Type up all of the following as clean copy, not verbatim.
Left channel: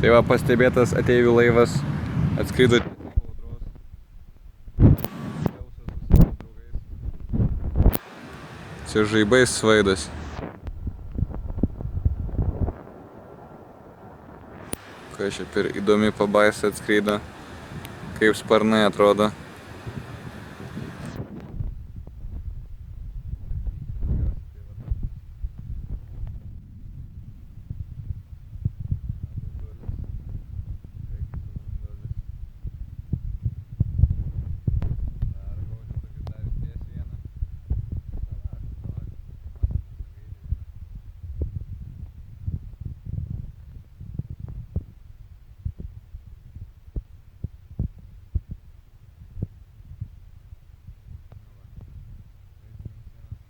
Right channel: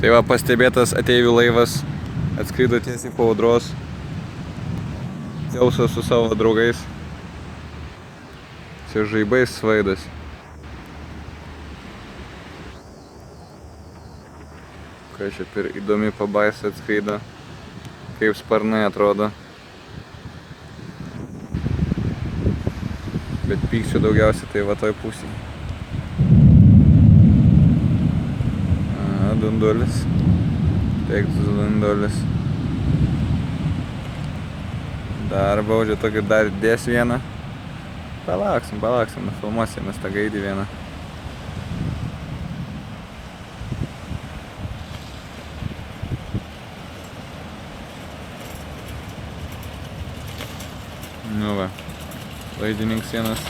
Tai va, pastebėtas ateivių laivas atskrido tiesiai po audros. Dzeusas su savo draugais. Čia žaibais svaidas. Ką čia per įdomi pabaisa atskrido. Kaip sparnai atrodo. Bet pykčio daugiausiai tai va toj pusėje. Dundulis. Teiktus dundulis. Dar baudžia tokį dar dės vieną. Palauksim, nufilmuosim mes tą gaidį vieną. Nu va, laidininkas vienas.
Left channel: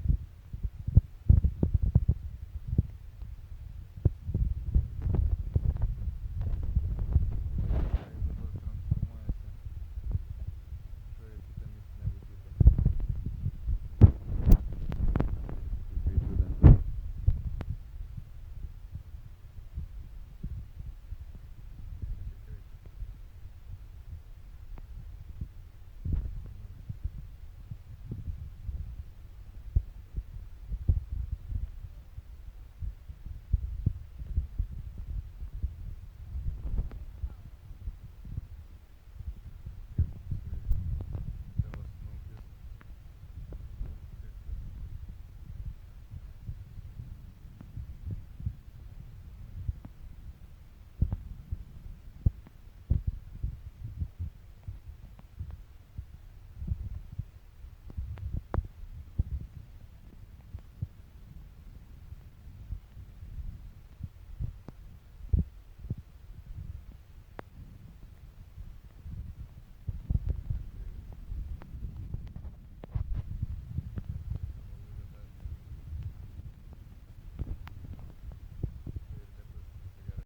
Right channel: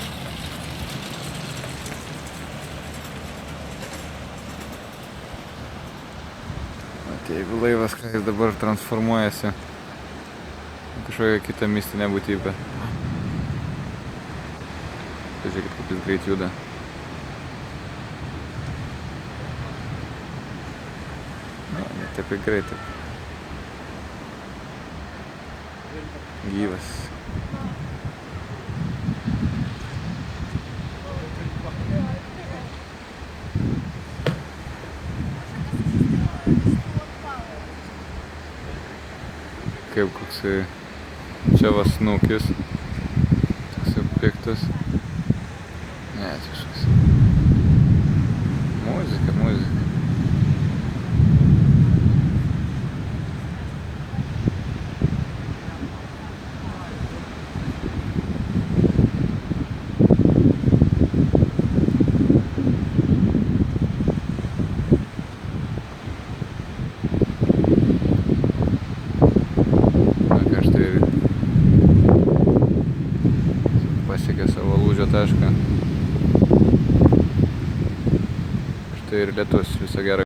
Jeigu laivas, ką jis dabar transformuojasi kažkokią kitą mistinę būtybę. Pažiūrėkit, kaip jis greit juda. Ne, ne taip ir greitai. Gyvas. Kaip koksai čia va snukis, toksai piktas. Ne, čia kažkas. Muzika. Pasiekė savo lūžio tašką. Štai ir lietus, viso gero.